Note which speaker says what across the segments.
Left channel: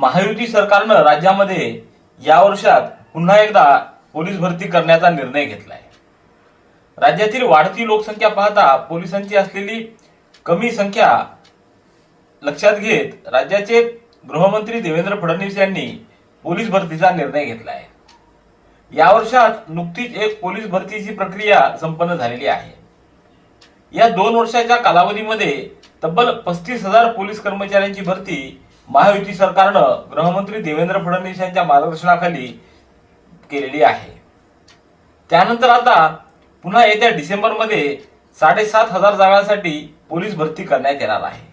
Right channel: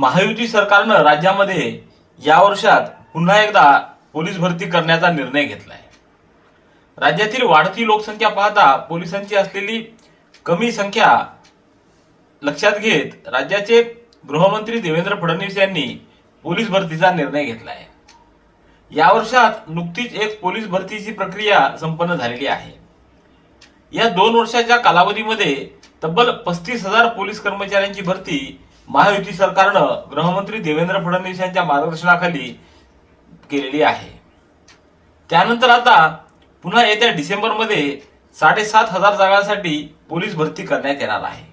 Speaker 1: महायुती सरकारनं राज्यामध्ये या वर्षात पुन्हा एकदा पोलीस भरती करण्याचा निर्णय घेतलाय. राज्यातील वाढती लोकसंख्या पाहता पोलिसांची असलेली कमी संख्या लक्षात घेत राज्याचे गृहमंत्री देवेंद्र फडणवीस यांनी पोलीस भरतीचा निर्णय घेतलाय. या वर्षात नुकतीच एक पोलीस भरतीची प्रक्रिया संपन्न झालेली आहे. या दोन वर्षाच्या कालावधीमध्ये तब्बल पस्तीस हजार पोलीस कर्मचाऱ्यांची भरती महायुती सरकारनं गृहमंत्री देवेंद्र फडणवीस यांच्या मार्गदर्शनाखाली केलेली आहे. त्यानंतर आता पुन्हा येत्या डिसेंबरमध्ये साडेसात हजार जागांसाठी पोलीस भरती करण्यात येणार आहे.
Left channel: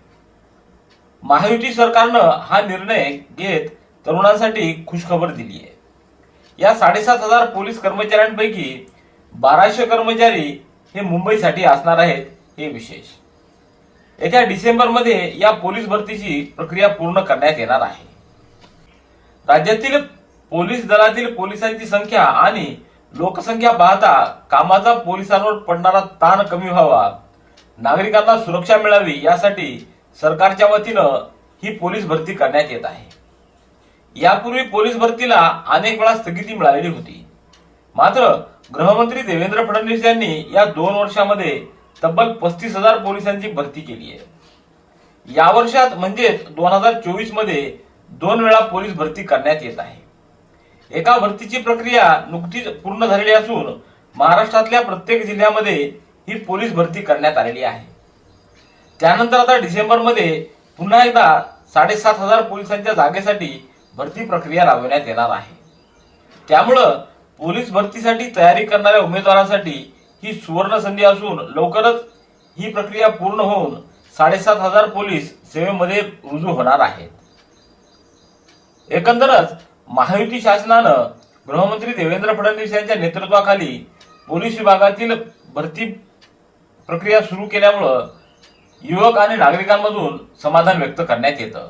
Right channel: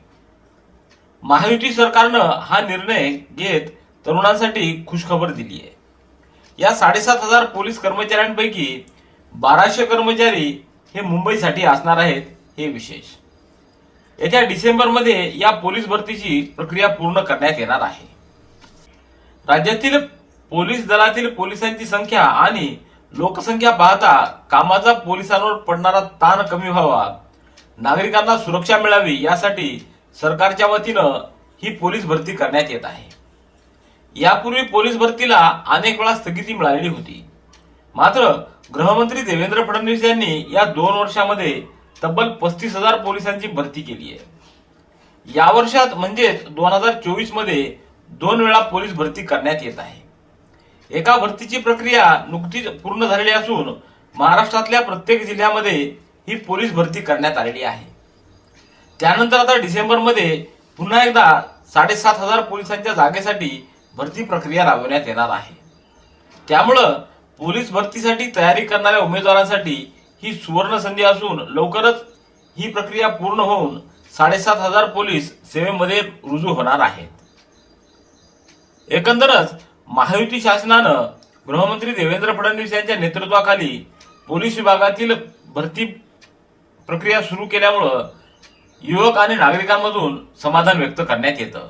Speaker 1: महायुती सरकारनं हा निर्णय घेत तरुणांसाठी खुशखबर दिली आहे. या साडेसात हजार पोलीस कर्मचाऱ्यांपैकी बाराशे कर्मचारी हे मुंबईसाठी असणार आहेत हे विशेष. येत्या डिसेंबरमध्ये या पोलीस भरतीची प्रक्रिया पूर्ण करण्यात येणार आहे. राज्यातील पोलीस दलातील पोलिसांची संख्या आणि लोकसंख्या पाहता कामाचा पोलिसांवर पडणारा ताण कमी व्हावा. नागरिकांना सुरक्षा मिळावी यासाठी सरकारच्या वतीनं ही पोलीस भरती करण्यात येत आहे. यापूर्वी पोलीस भरतीला अनेक वेळा स्थगिती मिळालेली होती. मात्र गृहमंत्री देवेंद्र फडणवीस यांनी या दोन वर्षामध्ये तब्बल पस्तीस हजार पोलिसांची भरती केली आहे. या वर्षात म्हणजेच दोन हजार चोवीसमध्ये दोन वेळा पोलीस भरती करण्यात येत आहे. एका भरतीची प्रक्रिया नुकतीच पूर्ण झालेली असून महाराष्ट्रातल्या प्रत्येक जिल्ह्यामध्ये ही पोलीस भरती करण्यात आलेली आहे. त्यानंतर आता डिसेंबरमध्ये पुन्हा एकदा साडेसात हजार पोलिसांच्या जागेसाठी भरती प्रक्रिया राबवण्यात येणार आहे. त्यामुळं पोलीस भरतीसाठी तयारी करणाऱ्या उमेदवारांसाठी ही सुवर्ण संधी असून लवकरच ही प्रक्रिया पूर्ण होऊन साडेसात हजार पोलीस सेवेमध्ये रुजू होणार आहेत. एकंदरच महायुती शासनानं गृहमंत्री देवेंद्र फडणवीस यांच्या नेतृत्वाखाली पोलीस विभागातील भरती प्रक्रिया सुरू केल्यामुळं युवक आणि नागरिकांमधून समाधान व्यक्त करण्यात येतं.